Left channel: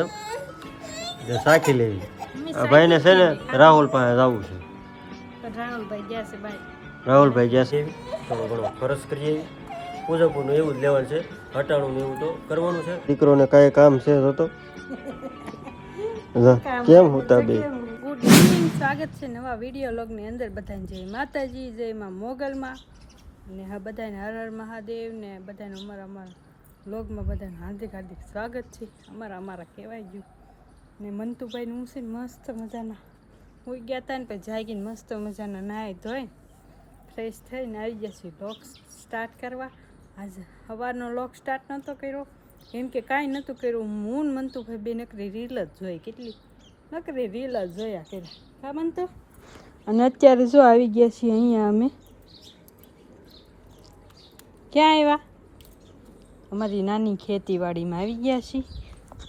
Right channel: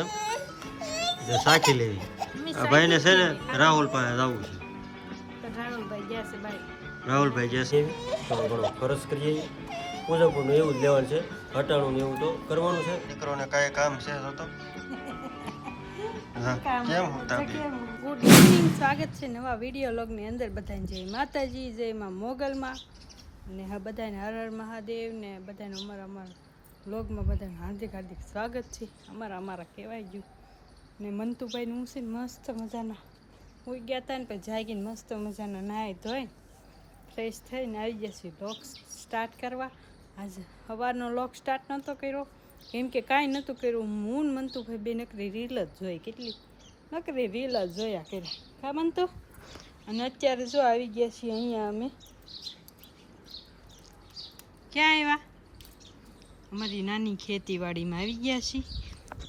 એમ સાખી લેવી. ભાઈને છે ને રાહુલ પાસે જવું છે. રાહુલભાઈ ગયા છે થોડો ઘણો ખર્ચ કરીએ. પૂજાપુરનું એવું જ લેવાનું છે, હટાણું એવું તો કરવાનું છે. દીકરોને કાંઈ કામ છે તો કેમ હોતા બે. ગુડ ઇવનિંગ, સ્વાગત છે નવા વિડીયો લોગની અંદર. બધાને જય માતાજી, જય માં મોગલમાં ને હા બધાને હર હર મહાદેવ ને બધાને અમારા લોગમાં બધાને હાર્દિક હાર્દિક સ્વાગત છે. અમારા કહેવાય ગયું ને મંતુભાઈને હું છે ને મસ્ત મજાના હોઈ ગયા હતા ને પછી જાગીને મસ્ત મજાના નાહી ધોઈ ફ્રેશ થઈને આવી ગયા છે લોગ સ્ટાર્ટ કરવા. આજે સવારનો લોગ સ્ટાર્ટ નહોતો કર્યો કેમ કે કાંઈ નહોતું કર્યું. હું ને મંતુભાઈ બે નકરી રીલ જ જોઈ, કેટલી નકરી રીલ જ જોયા કર્યા કા મંતુ. અને અત્યારે જો આવી ગયા છીએ અહીંયા અમે ક્યાં આવ્યા, અમારી નાની ખેતીવાડીમાં આવી ગયા છીએ.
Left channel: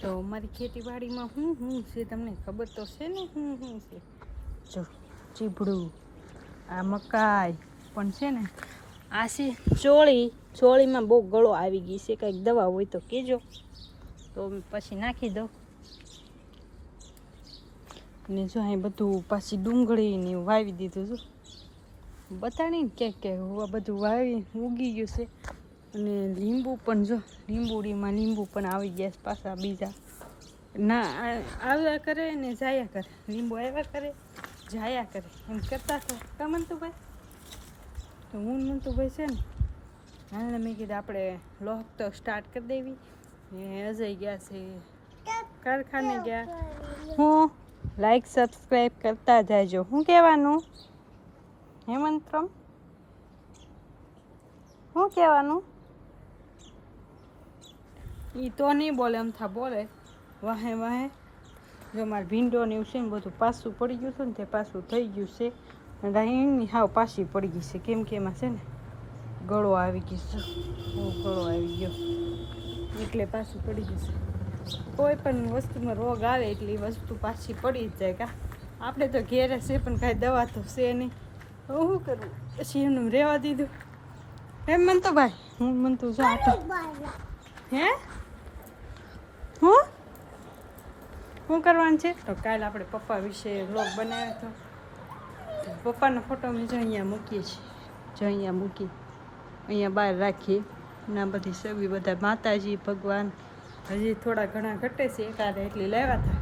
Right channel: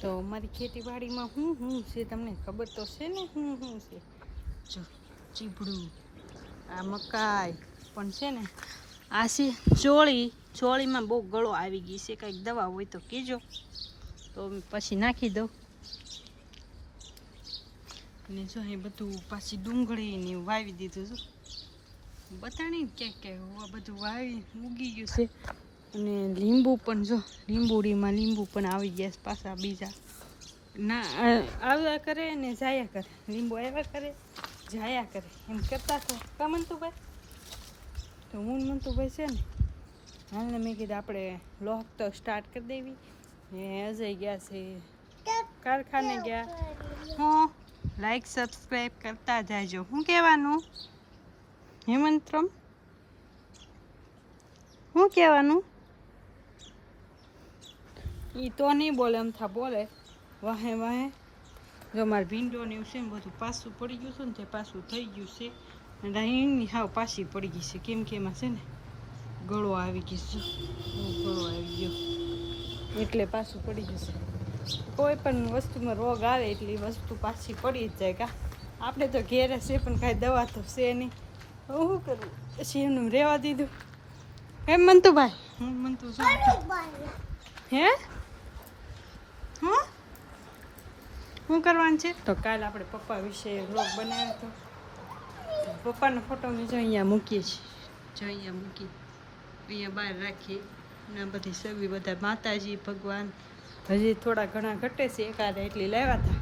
તો અમારી ખેતીવાડીમાં શું છે તમને ખબર તો છે ને શું છે. જો ચીભડું, આ મકાઈ પણ છે ને, આ છે ચોળીમાં બહુ ગળો આવી ગઈ છે. કંઈક દવા હોય તો કહેજો તો પછી નાખી દઉં. અને જો અહીં બધું પાછી ડુંગળી ને વાવી દીધું. જો બતાડી ને ક્યાંક બધું વાવી ઉગી ગયું છે. અને લીંબુ પણ જો લીંબુડીમાં લીંબુ પણ આવી ગયા પાછા બીજા ના આવ્યા કરે ને જાયા કરે. લીંબુ આવ્યા કરે જાયા કરે એમ કરતા હતા કા મંતુભાઈ. તો હું મંતુભાઈ છે ને હાલને મેં કીધું આપણે લોક તો સ્ટાર્ટ કરી દેવી. ને અજય ગયા છે કારખાને ગયા. હું લાઈક સબસ્ક્રાઈબ કરતા જાયજો. શું કહેવાનું હેમંતરમ, શું કહેવાનું? એ તો નહીં બોલે, અમથા બોલે વાહે વાહે. જો મારે ભીંડો ને એવું છે ને બધું પાછું પડી ગયું છે ને તે પાછું થઈ ગયું છે. અને એની હાવ પાછી પડી ગઈ છે કેમ કે એમાં છે ને ગળો આવી ગયો છે. ગળો આવી ગયો એટલે પાછું પડી ગયું છે. કોઈ પણ વસ્તુમાં રોગ આવે એટલે એ વસ્તુ પાછી પડી જ જાય કા. આપણે તો ઘેરે છે પણ કાંઈ દવા તો છે નહીં. શું કરવું પછી એમને રહેવા દીધું. એમ મંતુભાઈ હું મંતુ જો હે શું કરવાનું છે. તો કાલે આપણે પપ્પા વિશે વ્લોગ બનાવ્યો હતો. પપ્પાનો ફોટો મેં જો અહીંયા મૂકીએ છીએ. જો અહીંયા મૂકી અહીંયા બહાર રાખીએ ના બધી સબી બધા માતાજી ભગવાન હજી થોડા ઘણા ઘટે છે. એકાદ એટલી લાવ્યા હતા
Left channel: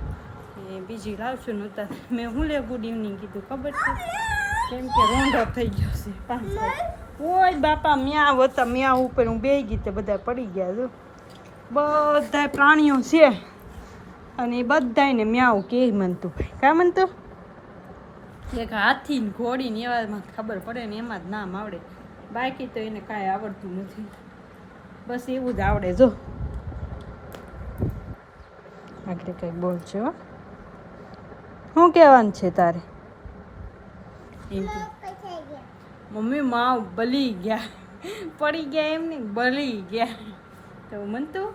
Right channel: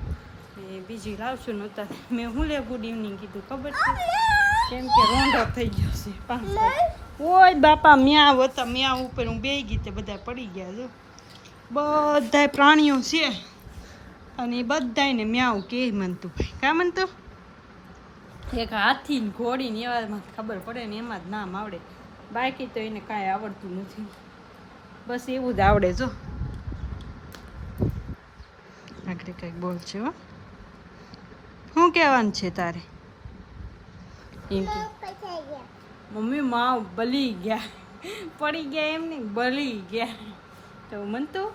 એ બીજી લાવશું નહોતા. મેં હું લે ગુડ ઇવનિંગ કીધું ખબર છે કેમ કે રોંઢો થઈ ગયો છે 5 ઓય બાપા મ્યાવ હતા. મ્યાવ ઉપર હું બેસી ગઈ તે બધા પડી ગયા. જો બધા પ્રાણીઓ છે અને એ બધાને મ્યાવ કે મનતું કા મનતું. એક હાથી ને ઘોડી ને એવામાં ખબર પડે ને એમાં જ નામ આવડે, બાકી તો એને કાંઈ આવડતું નથી. બસ એવું જ આવડે. જો આગળ કંઈક બોલ છે હો. શું કહેવાનું છે તારે? એમ કે મમ્મી માવ બલી ગયા, પડી ગયા એમ નહીં બલી ગયા. તો મનતું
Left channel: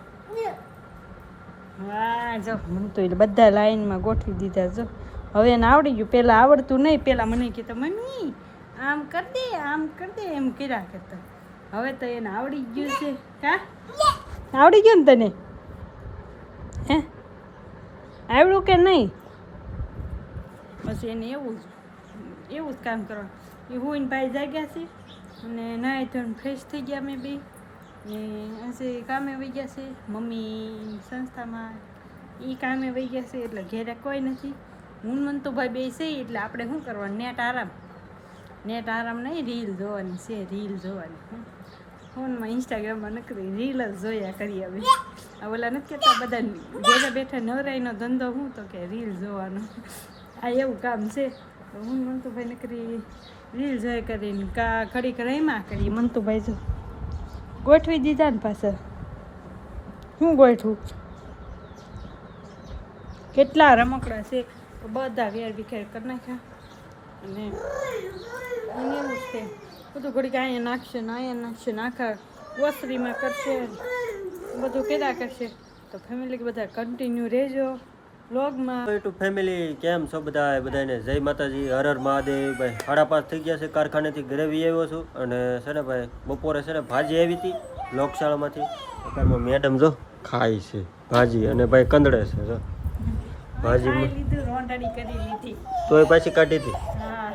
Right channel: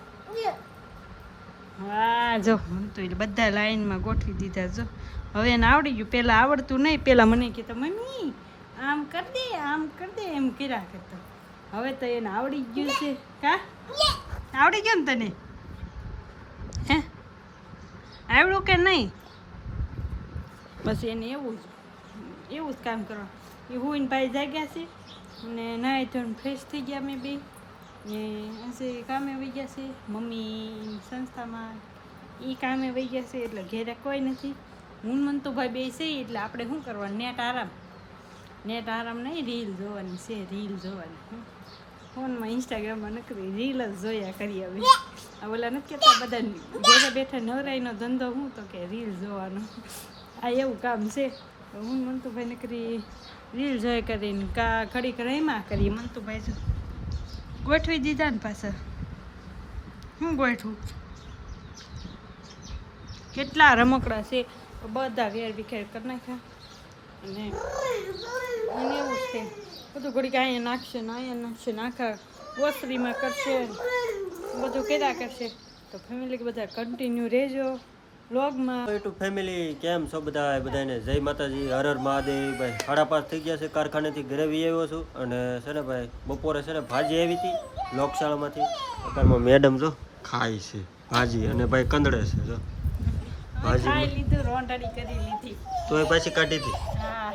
હા જો મનતું એટલે બધા લાઈનમાં ગોઠવી દીધા. જો હવે એને આવડી ગયું. પહેલાં આવડતું નહીં. પહેલાં મને કહેતા મમ્મી આમ કરી દે આમ કરી દે એમ કર્યા કરતા. હવે તો એને આવડી ગયું છે કા. આવડી ગયું ને તને? હે આવડું કે નહીં? બસ એને એવું જ કામ કરવાનું. એ હોઈને ભાઈ જાગ્યા છે અને નાહી ધોઈને ફ્રેશ થઈ ગયા. મેં બી ને આજે કામે વહી ગયા છે. મમ્મી સંસ્થામાં એ કામે વહી ગયા છે એટલે ઘેરે કોઈ નથી. હું મંતુભાઈ બે છે એટલે આપણે શું કરવાનું નેટ આરામ નહીં, રીલ જોવાની છે. રીલ જોવાની ફોનમાં ઇન્સ્ટાગ્રામમાં નકરી રીલ જ જોયા કરી. હવે ઓલા નથી કહેતા બધા ઘેરે બેઠા નવરાઈનો ધંધો હું તો કે રીલ જોવાનો. આ એવું કામ છે. હું મંતુભાઈ નકરી રીલ જોઈ કરીને ઘડીક રમ્યા કરીએ. મંતુભાઈ જો ગોઠવી દીધા ને પાછા. શું ગોઠવું? કેટલા રમકડા છે બધા વેર વિખેર કરી નાખ્યા. અને એને એવું છે બધું ઘડીક અહીંયા નાખશે ને અહીંયા નાખશે ને આખા ઓસરીમાં કરશે બધું કર્યા કરશે. તો ફેમિલી બધા કન્ટિન્યુ રહેજો વ્લોગમાં. યુટ્યુબ ફેમિલી કેમ છો બધા? બધાને જય માતાજી, હર હર મહાદેવ. ભાઈ 5:30 થઈ ગયા છે. કારખાનેથી ઘરે આવ્યો છું અને છે ને ભાઈ બપોરે છે ને ભાજી આવી હતી લોકશાળામાંથી. અત્યારમાં મેડમ જો ખાય છે. ભાજી અને ભાઈ કંદડે છે જો ભાજી ખાઈ લીધું, રોંઢાડી કરી લીધી. તોય પાછી કાઢી હતી. હા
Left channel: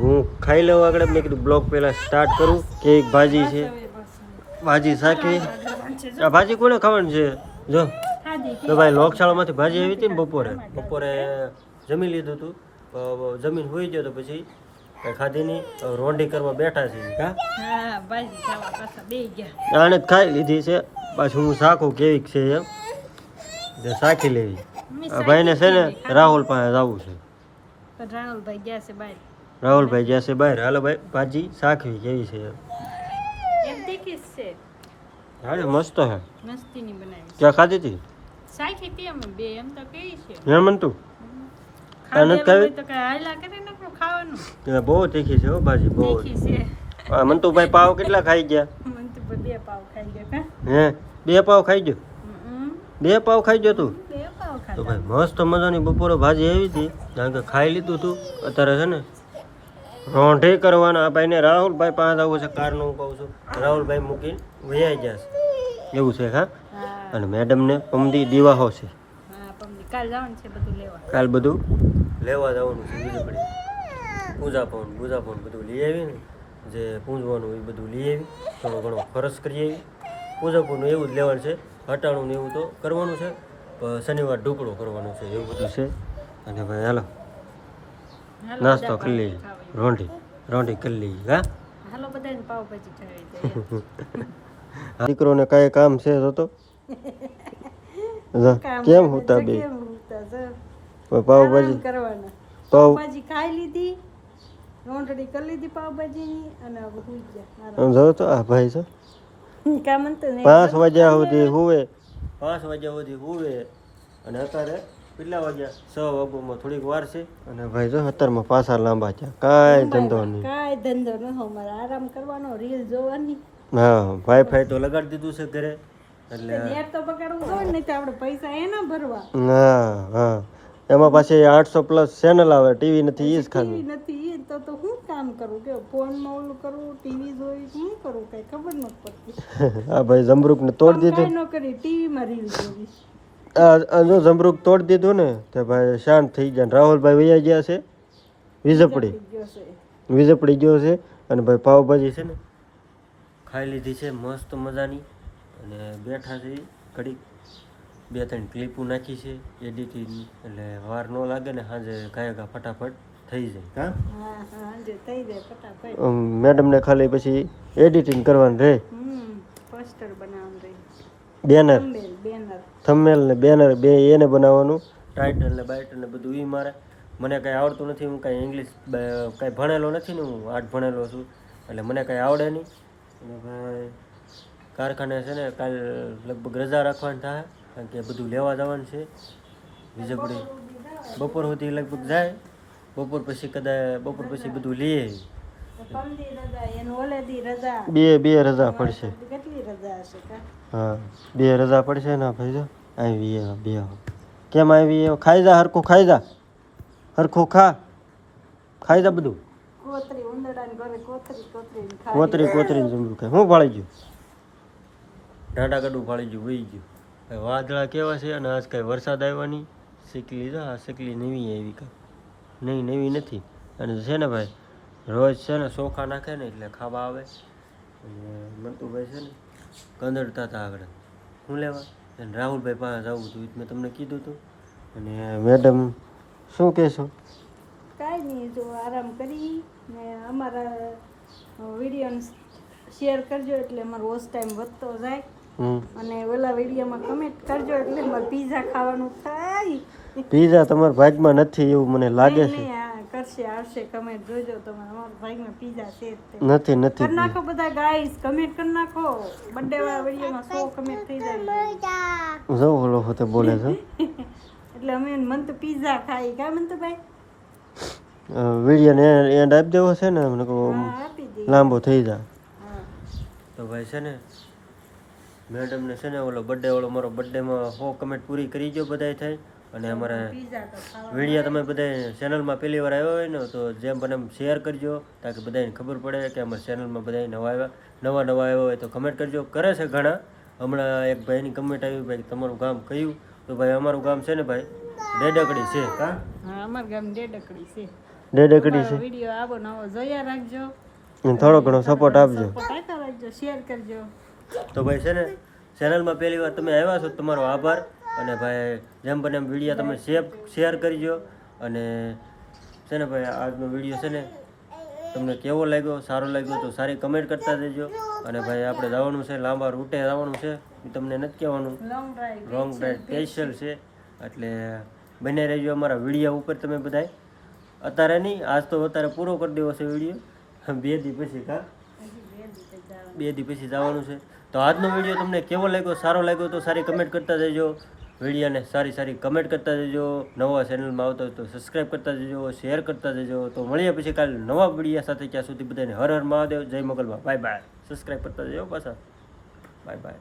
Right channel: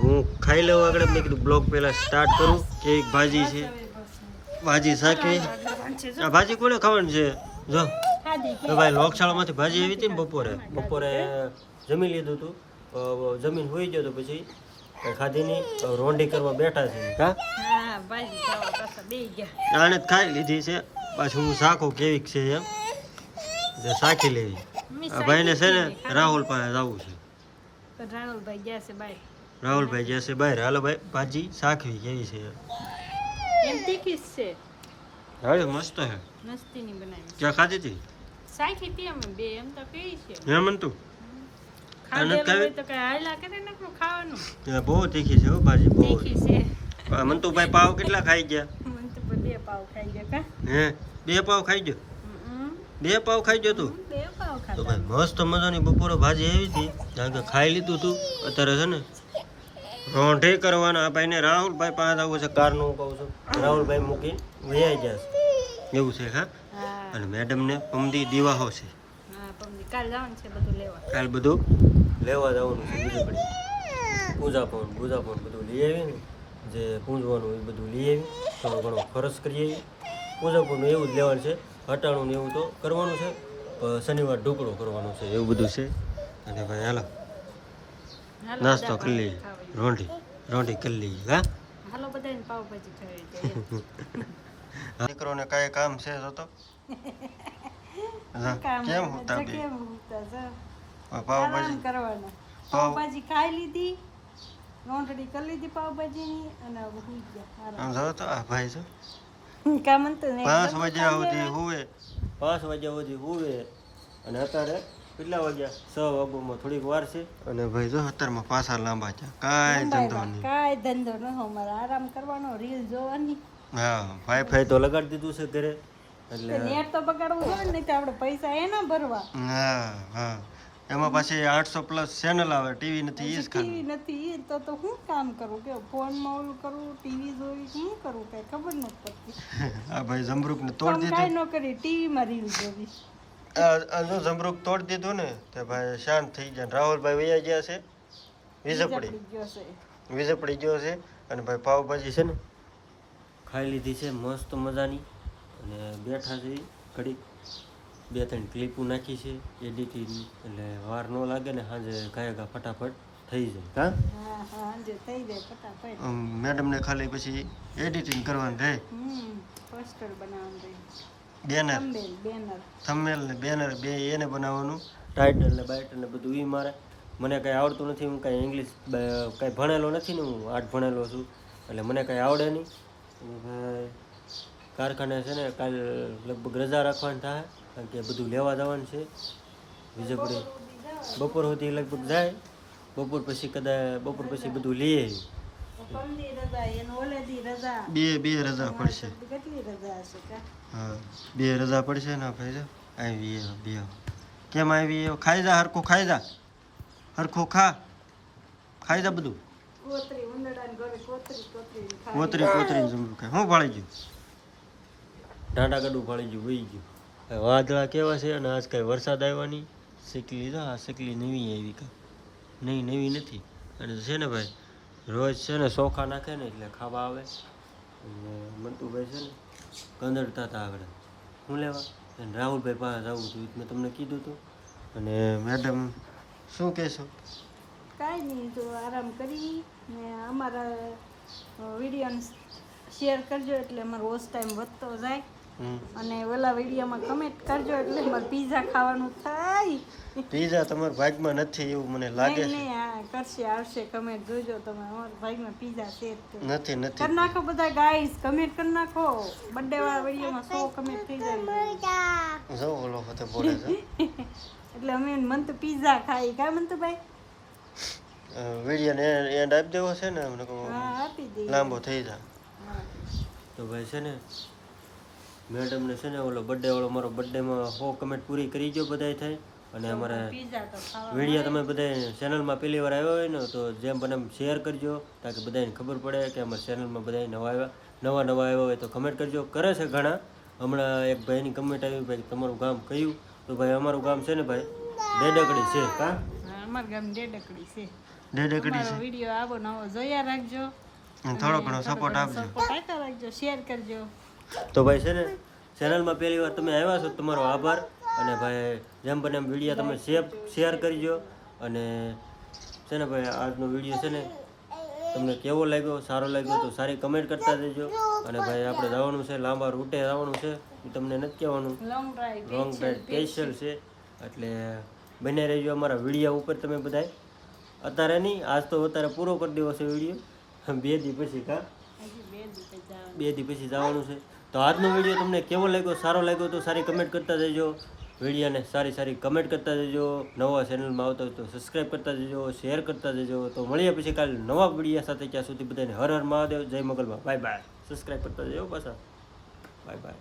હું ખાઈ લઉં આગળ. મેં કીધું બ્લોગ પહેલા સ્ટાર્ટ કરું. કેવી ભાજી છે, ભાજી શાકવી. આ ભાજી કોને ખાવાની છે જો તો ભાઈ લોકશાળામાંથી ભાજી આવી હતી ને બપોરે જમી લીધું હતું. જમીન હોઈ ગયો તો પછી કઈ ખાધી નહીં. હવે રોંઢી કરવા બેઠા છે. હા હા ભાજી ખાવા પાછા બે ગયા. આને જ ખાઈ લીધી છે. પાછું હું શાખું કેવીક છે એમ જે શાખી લેવી. આ ભાઈને છે ને રાહુલ પાસે જવું છે. પણ રાહુલભાઈ ગયા છે બહાર. રાહુલભાઈ ગયા છે બહાર. હાલો ભાઈ ભાજી શાખવી કેવી છે એમ. એમ તીખી જ છે, હાલે મસ્ત હે. મસ્તીની બનાવી. ક્યાં ખાધી હતી સાખી હતી અમે બે, એમ તો કેવી છે. એમ તું ખાધેલું હોય તો કઈ હાયલા કરે ને આપણું ખાવાનું. બહુ તીખી છે હો ભાજી બહુ. તીખી છે. મંતુભાઈ પાવ કેટલા ખાઈ ગયા? મને તો બે પાવ ખાઈ ગયા કા. હે 2 પાવ ખાઈ ગયો? 2 પાવ ખાઈ ગયો તું? બે પાવ તો ખાધા. ભાઈ મસ્ત મજાની બપોરે ભાજી આવી હતી. કારણ કે ખાઈ લીધું તું. અત્યારે છે ને રોંઢે કરવાના. આ ભાઈને રાહુલભાઈ પાસે આવું છે. કારનું હું કહું છું રાહુલભાઈ મૂકીને વૈયા ગયા છે એવું છે. હા હા અને મેડમને પમદી દીવાહો છે. હા પમદી કાલ જવાનું છે બધું લેવા. કાલ બધું લેવા જવાનું છે. બીજું પડી પૂજા પણ બધું લઈ આવી ને જે પૂંજવાનું એ બધું લઈ આવી. થોડો ઘણો ખર્ચ કરી આવી. પૂજા પણ એવું જ લેવાનું છે. હટાણું ને એવું તો કરવાનું છે. શનિવાર ઢોકળો કરવાનો છે એવું બધું છે. અને ભાઈ હાલો હાલો નાસ્તો બધા કરી લઈએ. ખાવા. રોંઢી કરી લઈએ. હા હાલો બધાને પાવભાજી ખાવી છે. દીકરોને કાંઈ કામ છે તો કેમ હોતા બે કેમ હોતા છે? પાવભાજી આરામ કરવાના. પાવ પાવભાજી ખાઈ લીધી, રોંઢડી કરી લીધી પાવભાજીની અને હવે હુઈ ગયા. આરામ. જો તો આ ભાઈ છે કામ તો નહીં. 5 વાગ્યા સુધી હુવે. 5 વાગ્યા સુધી હુવે અને અત્યારે કેટલા વાગ્યા? 6 વાગ્યામાં થોડીક વાર છે. અને ભાઈ જો અત્યારમાં પાછા લાંબા છે. કાંઈ ધંધો નહીં. કાંઈ ધંધો ન હો મારે આરામ કરવાનો, રીલ જોવાની. હા વાઈફાઈ તો લગાડી દીધું છે ઘરે એટલે નેટ તો બગાડવું હોય ને, તો આપણે પૈસા એના ભરવા. હા હા એમાં પાછી 800+ ચેનલ આવે. ટીવી નથી ઈ જ ખાનું. ટીવી નથી ઈ તો હું કામ કરું કે ફોનમાં ઓલું કરું, ટીવી જોઈ શું કરું કઈ ખબર નથી પડતી. આ ભાઈ જમરૂકને તોડી દીધું. કાંઈ ન કરી, ટીવીમાં રીલ જોવી. આ જો જમરૂક તોડી દીધું ને તે ભાઈ શાંત થઈ જાય. ને રાહુલભાઈ વૈયા ગયા છે વીજપડી. ગયો છે. વીજપડી ગયો છે. અને ભાઈ પાવભાજી છે ને ખાઈ લીધી છે મસ્ત મજાની. અને બેઠા છે ઘડીક 2-3 ક્લિપો નાખી છે એડિટિંગ. એટલે વાર ન લાગે ને સાંજે ગાયગા ફટાફટ થઈ જાય. હા હા હાંજે થઈ જાય ફટાફટ. મેડમને ખાલી પછી એડિટિંગ કરવાનું રહે. પોસ્ટર બનાવવાનું રહી. બેનર બેનર થંબનેલ ને બેનર બે એને બનાવવાનું. ટાઇટલ ને બાઇટલ ને બધું ઈ મારે. મને કાંઈ આવડતું નથી. હું કાંઈ ઇંગ્લિશ કાંઈ ભણેલો નથી ને. હું 8 ભણેલો છું એટલે મને કાંઈ આવડે નહીં. અને ભાઈ કારખાને છે ને કાલ લગભગ રજા રાખવાની થાય. કારણ કે બધું લેવા જવાનું છે વીજપડી. બપોર સુધી લગભગ જાય. બપોર પછી બધું લઈએ. પમદી રજા એન ઓલેદી રજા. બે રજા પડશે. કેટલી રજા હશે કા? હા 2 રજા પડશે ને ભાઈ. જો આવી બે કેમ આવી? ખાઈ જા હરખું ખાઈ જા. હરખું ખાઈ જા બધું. કોતરી ઉંદડાને ઘરે કોતરી કોતરી જમરું ખાય. હું ફાળી ગયું ઢાંડા ગડું ફાળી ગયું વહી ગયું. વાદળા કેવા છે અને આજ કાંઈ વરસાદ આવ્યો નહીં. શીકલી જો આ શીકલી નવી આવી કાંઈ નહીં નવી નથી. અને છે ને ભાઈ રોજ છે ને ચોખા નાખે ને એટલે ખાવા આવે. અને મંતુભાઈ છે ને કંદડતા હતા આગળ શું લેવા. અને રાહુલભાઈ પાસે જવું હતું મેં તમને કીધું હતું. અને મેડમ શું કહેશો? કાંઈ નહીં, જો આરામ કરી ને અમારા વિડીયોને શેર કરજો એટલે અમારો વોચ ટાઈમ વધતો જાય. અને ઓલા વિડીયોમાં કમેન્ટ કરજો એટલે અમારે પીઝા ખાવાનું થાય. પીઝા તમારા ભાગમાં નથી એવું મને લાગે છે. નહીં હા કરશે, આવશે કમેન્ટ જોજો તમે. અમારા ભાગમાં પીઝા છે નથી કરી નાખો બધા ગાઈસ, કમેન્ટ કરી નાખો. બર્થડે વાળા વિડીયોમાં 100 કમેન્ટ થઈ જાય. જો ઓલો હોતે બોલે છે એટલે અમે મન તો પીઝા ખાઈ કા મન તો ભાઈ. વિડીયોને એન્ડ આપી દેવો છે ને મને હા આપી દે. લાંબો થઈ જાય તો ભાઈ છે ને મેડમને છે ને ઓલો બર્થડે વાળો મારો બર્થડેમાં 100 કમેન્ટ પૂરી કરી ગયો બધાય થાય. અને અમારે પીઝા તો ખાવા વિડીયો તમે બધા ચેનલમાં પહેલી વાર આવ્યો હોય ને તો જેમ બને એમ શેર કરજો તાકે બધાને ખબર પડે કે અમારી ચેનલમાં બધા નવા આવ્યા હોય તો કમેન્ટ કરજો. કરે છે ઘણા હમણાં એક ભાઈની કમેન્ટ આવી ભાઈ તમારું ગામ કયું, તો ભાઈ અમારું ગામ છે ને ભાઈ ડેડકડી છે. હા અમાર ગામ ડેડકડી છે. ડેડકડી છે. વિડીયો આવો નવો જોયા રાખજો, અને થોડો ઘણો સપોર્ટ આપજો. સપોર્ટ આપતા રાખજો, શેર કરજો. તો ભાઈ છે ને ચેનલમાં પહેલી વાર તમે આવ્યા છો તમારો આભાર. અને ભાઈ જેમ બને એમ વિડીયો તમે શેર કરજો. અને છે ને ભાઈ આજનો વિડીયો છે ને તમને કેવો લાગ્યો, સારો લાગ્યો તો સારી કમેન્ટ કરતા દેજો. અને ભાઈ આપણે જવાનું છે લાંબા રૂટે જવાનું છે, એ તમને નથી કહેવાનું, લોંગ ડ્રાઈવ સ્પેશિયલ છે. એટલે બને રહેજો અમારા વિડીયો ઉપર તમે બધાય. અત્યારે નહીં, આજ તો અત્યારે પૂરો કરી દેવો છે વિડીયો, 2 દી પછી. કા 2 દી પછી જવાનું છે. તો આજનો વિડીયો તમને કેવો લાગ્યો, સારો લાગ્યો તો સારી કમેન્ટ કરતા જજો. વિડીયોને સારી કમેન્ટ કરતા જજો. નવા ચેનલમાં આવતો હોય તો સબસ્ક્રાઈબ કરતા જજો, શેર કરતા જજો. તો મળીએ પછી કાલે નવા વિડીયો સાથે. ત્યાં સુધી બધાને હર હર મહાદેવ, જય મંગલમાં. Bye bye. સબસ્ક્રાઈબ કરતા જજો પાછા. Bye bye.